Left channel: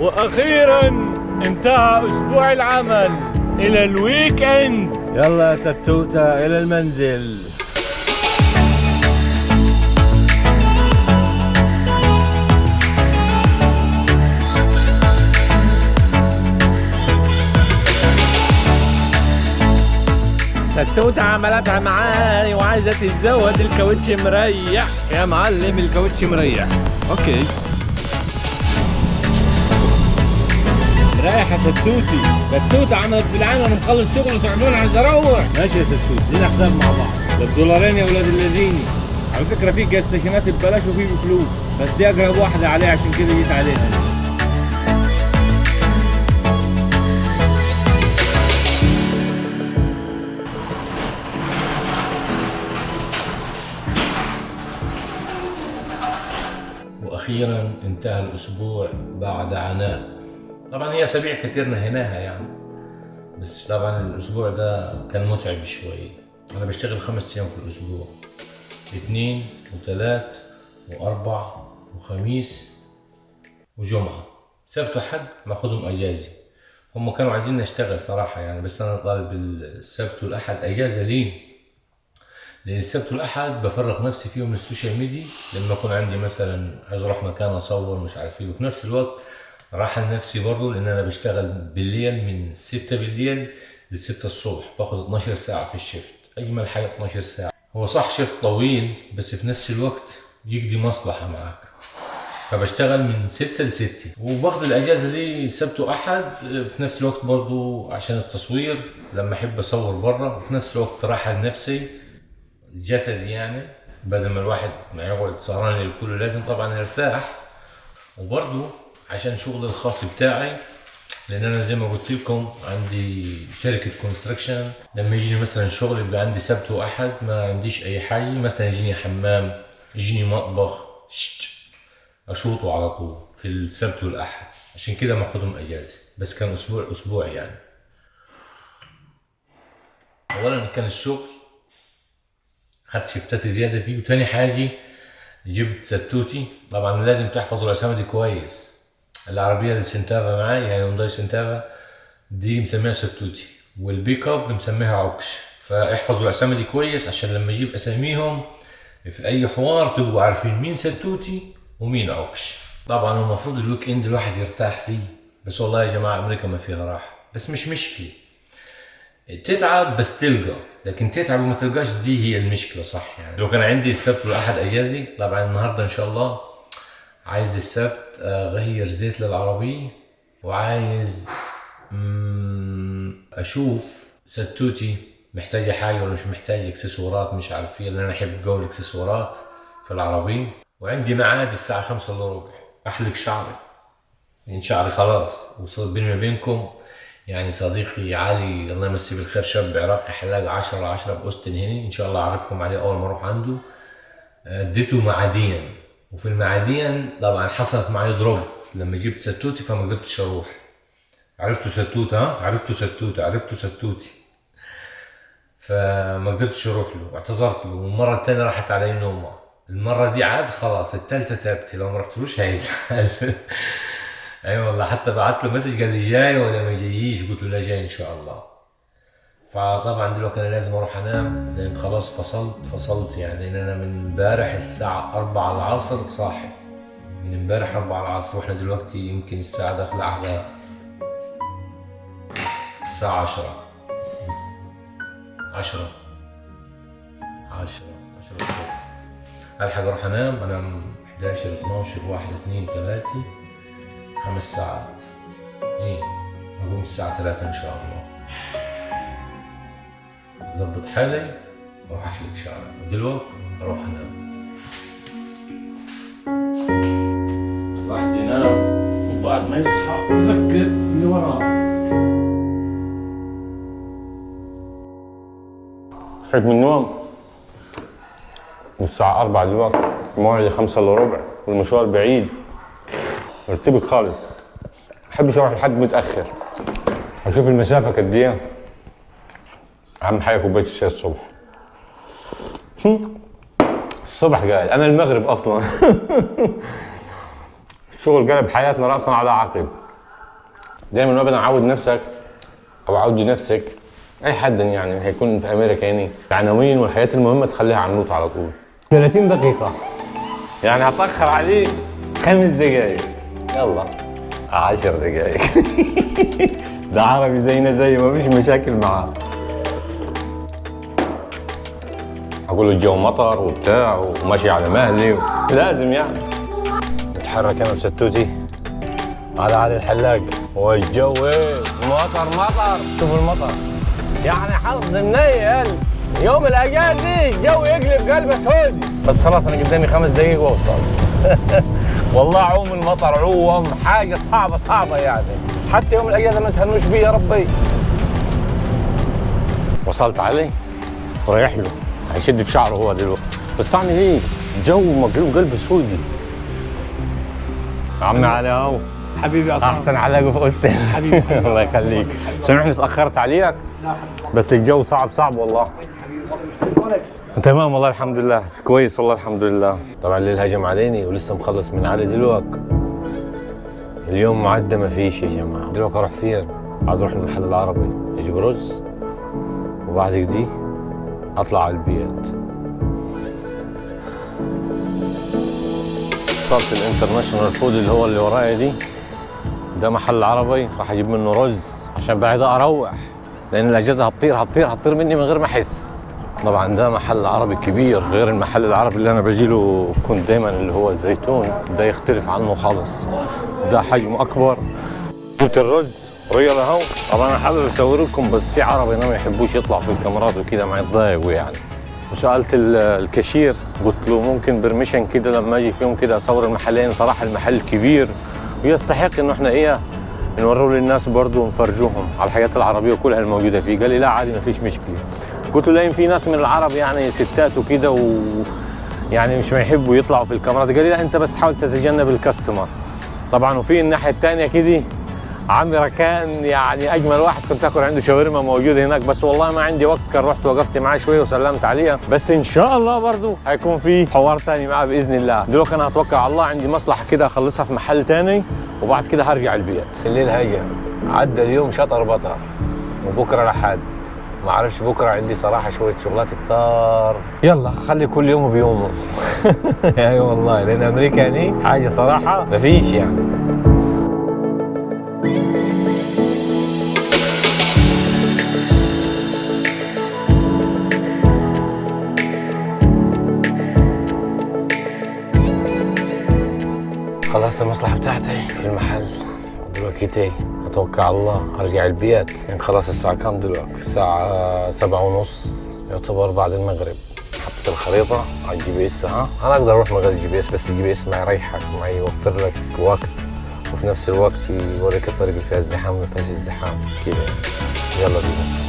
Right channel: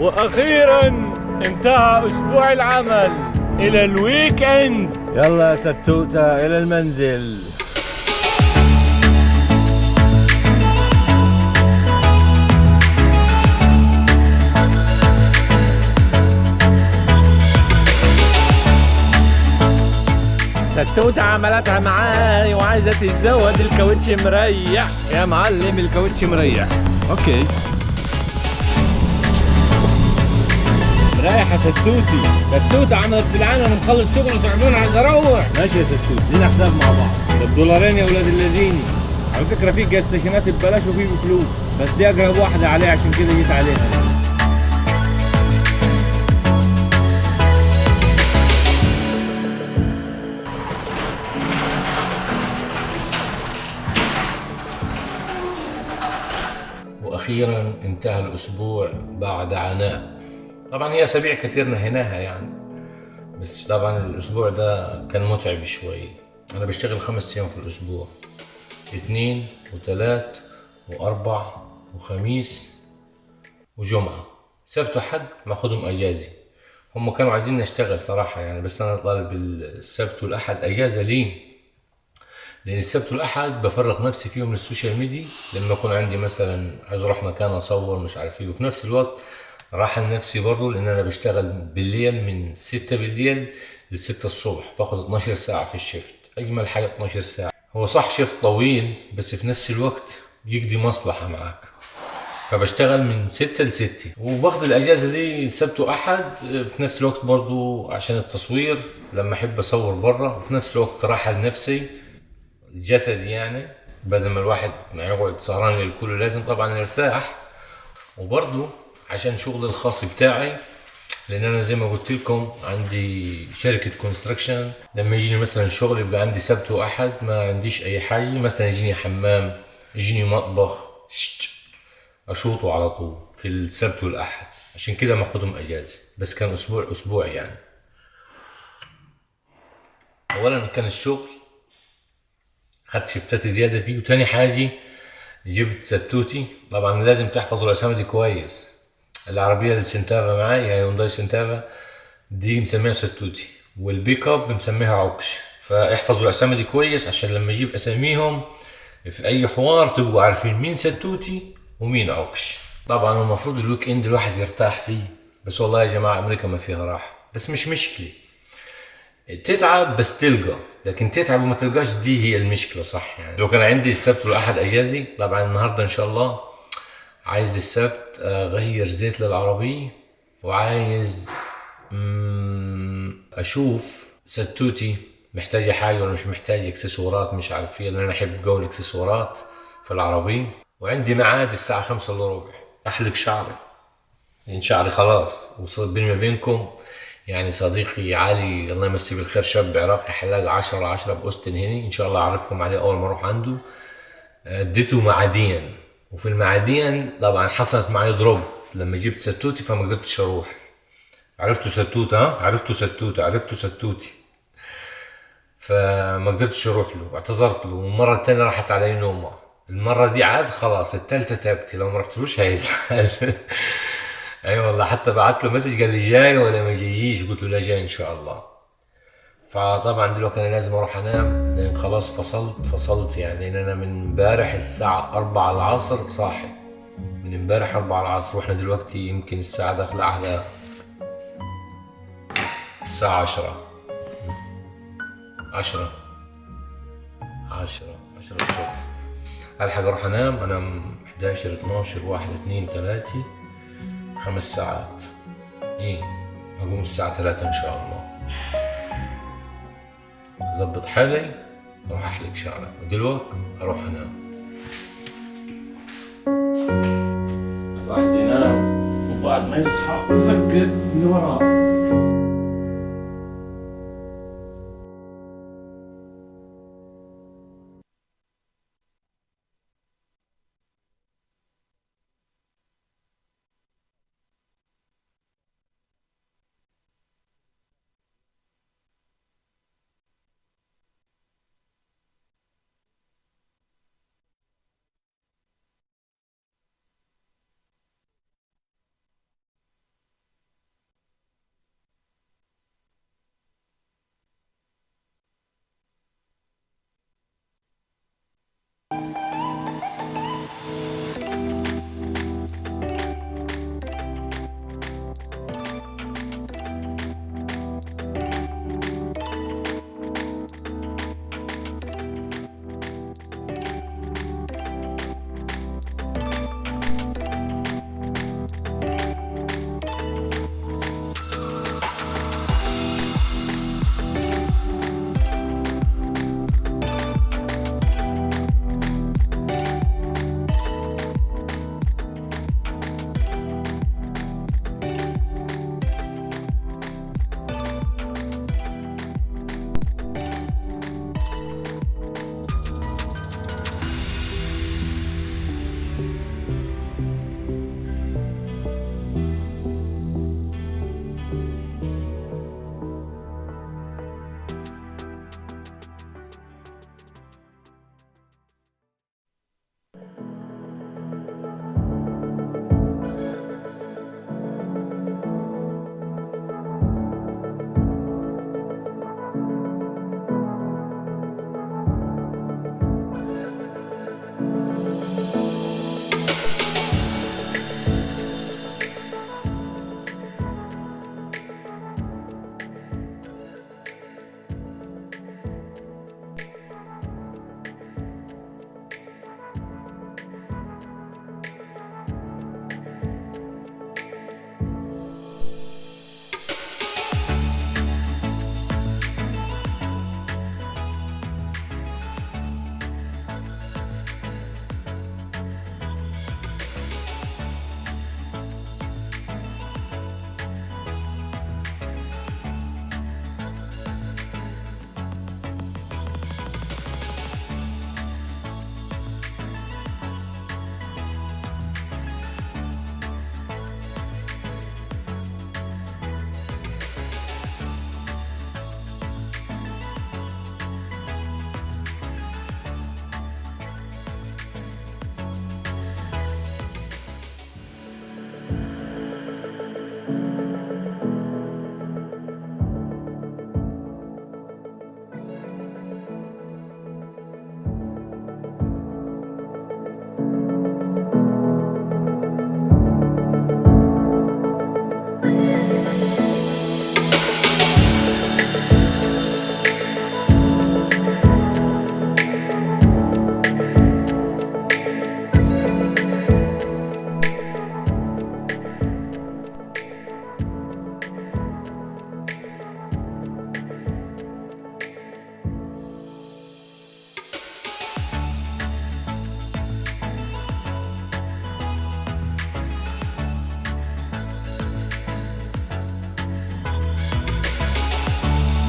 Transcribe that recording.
وأخيرا انتهى أسبوع العمل إلى الويك إند. يلا يا ستوتة إلى المنزل. ستوتة عملتها معاي وعايزة تتزود الكاوتش مريح. يا معلم الكاوتش مريح. اوكي مريح يا ستوتي. ستوتة عملت بالعين وانا مخلص شغل وتعبان عايز اروح. ماشي يا ستوتي، لينا حساب مع بعض. $2 يا ولاد الذين. على فكرة في جاز ستيشنات ببلاش وفي بفلوس، بس دي اقرب واحدة عليها عشان كده جيت عليها. وأخيرا انتهى الأسبوع بعد عناء. طبعا هي أسابيع كتير نهيناها يعني، بس طبعا الأسبوع ده كان متعب شوي. أنا بشتغل 5 أيام في الأسبوع، 2 و3 و4 وخميس وجمعة. سبت وحد ماخدهم أجازة. هم كانوا عايزين نشتغل صراحة يعني، بس أنا طالب السبت والأحد أجازة. ليه؟ لأن السبت والأحد بفرغ نفسي فيهم من السوشيال ميديا، لما أكون عندي مثلا عايز أروح مكان أصور مش عارف إيه، وفي نفس الوقت راحة لنفسي برضه، لأن أنا بشتغل بالليل من 6 بالليل ل6 الصبح، باخد 12 ساعة في الشيفت. أجمل حاجة 12 ساعة. هو صح شيفت طويل، بس في نفس الوقت يقضي مصلحة معاك. فبشتغل من 6 ل6، وباخد الأجازة دي سبت وأحد في نفس الوقت برضه عشان التصوير لما أحب أصور برا، وفي نفس الوقت راحة لنفسي الجسد يعني، بدل ما الواحد ما يقعد سهران للكل لازم طبعا يرتاح. وبرضو عشان شغل الخاص بتاعي، لان انا زي ما قلت لكم عندي شركة كونستراكشن. لما يجيني مثلا شغل يبقى عندي سبت واحد ما عنديش اي حاجة، مثلا يجيني حمام يجيني مطبخ اشوطه على طول في السبت والاحد، عشان كده ما اخدهم اجازة. بس كان اسبوع يعني. اولا كان الشغل خدت شفتات زيادة فيه، وتاني حاجة جبت ستوتي. طبعا لازم تحفظوا الاسامي دي كويس. العربية السنتافا معاي هي هونداي سنتافا دي مسميها ستوتي، والبيك اب مسميها عكش. فاحفظوا الاسامي دي كويس عشان لما اجيب اساميهم في اي حوار تبقوا عارفين مين ستوتي ومين عكش. طبعا المفروض الويك اند الواحد يرتاح فيه، بس والله يا جماعة امريكا ما فيها راحة. بس مش مشكلة تتعب بس تلقى، لكن تتعب وما تلقاش دي هي المشكلة صح يعني. لو كان عندي السبت والاحد اجازي، طبعا النهاردة ان شاء الله عايز السبت اغير زيت للعربية، وعايز اشوف ستوتي محتاجة حاجة ولا مش محتاجة، اكسسوارات مش عارف ايه، لان انا احب جو الاكسسوارات في العربية. وعندي ميعاد الساعة 5:15 احلق شعري، لان شعري خلاص وصل بيني وبينكم يعني. صديقي علي الله يمسيه بالخير، شاب عراقي حلاق 10/10 باوستن هنا، ان شاء الله اعرفكم عليه اول ما اروح عنده. اديته معادين، وفي المعادين طبعا حصلت معي دروب لما جبت ستوتي، فما قدرتش اروح. عرفتوا ستوتة؟ عرفتوا ستوتي. فما قدرتش اروح له، اعتذرت له، والمرة التانية راحت علي نومة. المرة دي عاد خلاص، التالتة تعبت، لو ما رحتلوش هيزعل. اي والله، حتى بعت له مسج قال لي جاي ولا ما جاييش، قلت له لا جاي ان شاء الله. فطبعا دلوقتي انا لازم اروح انام، لان خلاص فصلت يعني. لان انا من امبارح الساعة 4 العصر صاحي، من امبارح 4 العصر، واحنا دلوقتي يمكن الساعة داخلة على الساعة 10 الصبح. الحق اروح انام 11 12 1 2 3 5 ساعات. ايه هقوم الساعة 3 ان شاء الله، اظبط حالي اروح احلق شعري، ودلوقتي اروح انام. الواحد ينام وبعد ما يصحى يفكر اللي وراه. صحيت من النوم الساعة 4 دلوقتي، موعدي 5:15 والمشوار بعيد، مرتبك خالص. محبش اروح لحد متأخر، اشوف المسافة قد ايه. اهم حاجة كوباية الشاي الصبح. الصبح قاعد، انا المغرب اصلا. الشغل قلب حياتنا رأسا على عقب. دايما وابدا عود نفسك او عودي نفسك، اي حد يعني هيكون في امريكا يعني العناوين والحاجات المهمه تخليها على النوت على طول. 30 دقيقه يعني هتاخر عليه 5 دقائق، يلا 10 دقائق. ده عربي زينا زيه ما فيش مشاكل معاه. اقول له الجو مطر وبتاع وماشي على مهلي لازم يعني اتحرك انا بستوتي على علي الحلاق. والجو ايه؟ مطر شوف المطر يعني حظ منيل. يوم الاجازه الجو يقلب قلب اسود، بس خلاص انا قدامي 5 دقايق واوصل. والله عوم المطر عوم حاجه صعبه يعني، حتى يوم الاجازه ما تهنوش بيه يا ربي. وصلت عليه رايح له هيشد في شعره هو دلوقتي، بس اعمل ايه؟ الجو مقلوب قلب سودي. عمي علي اهو حبيبي يا احسن حلاقه في اوستن. حبيبي الله يخليك، سامحني اتاخرت عليك بس الجو صعب والله. تمام والله الحمد لله كويس والله الحمد لله. طبعا الليل هجم عليني ولسه مخلص من علي دلوقتي. اليوم معدة ما فيش يا جماعه. دلوقتي اروح فين؟ عايز اروح المحل العربي اجيب رز وبعد كده اطلع على البيت. وصلت الانترناشونال فود اللي هو اللي ورايا دي، ده محل عربي راح اجيب منه رز عشان بعد اروح، لان الاجازه هتطير مني من غير ما احس. طبعا ده محل عربي كبير غير المحل العربي اللي انا بجيله كنت دايما اللي هو الزيتون، ده يختلف عنه خالص، ده حجمه اكبر. جبت الرز ريال اهو. طبعا انا حابب اصور لكم بس في عربي ما يحبوش يطلع في الكاميرات وكده ما يتضايقوا يعني. سالت الكاشير قلت له ممكن برميشن كده لما اجي فيهم كده اصور المحلين، صراحه المحل كبير ويستحق انه احنا نوروا للناس برضه ونفرجوهم على الحاجات العربيه كلها الموجوده فيه. قال لي لا عادي ما فيش مشكله. قلت له لاين في ناس من العرب يعني ستات وكده يعني مش ما يحبوا يطلعوا في الكاميرات. قال لي لا انت بس حاول تتجنب الكاستمر. طبعا وفي الناحيه الثانيه كده عمي ركان يعني اجمل واحد كنت اكل عنده شاورما موجوده هناك، بس والله ما عندي وقت كان رحت وقفت معاه شويه وسلمت عليها، بس ان شاء الله برضه هيكون في حوار ثاني معاه باذن الله. دلوقتي انا هتوكل على الله، عندي مصلحه كده اخلصها في محل ثاني وبعد كده هرجع البيت. الليل هيجي عدى اليوم شطر بطر وبكره لحد ما اعرفش، بكره عندي صراحه شويه شغلات كتار. يلا خلي كل يوم بيومه. اي والله لان امريكا يعني حاجه صراحه ما فيش يعني. خلصت المصلحة بتاعتي في المحل دلوقتي اتوكل على الله ارجع البيت. يعني خلاص الساعة كام دلوقتي؟ الساعة 7:30 يعتبر بعد المغرب. حطيت الخريطة على الجي بي اس. انا اقدر اروح من غير الجي بي اس، بس الجي بي اس ما يريحك، ما يوفر لك وقت وفي نفس الوقت يوريك الطريق اللي فيها ازدحام وما فيهاش ازدحام كده. يلا بينا.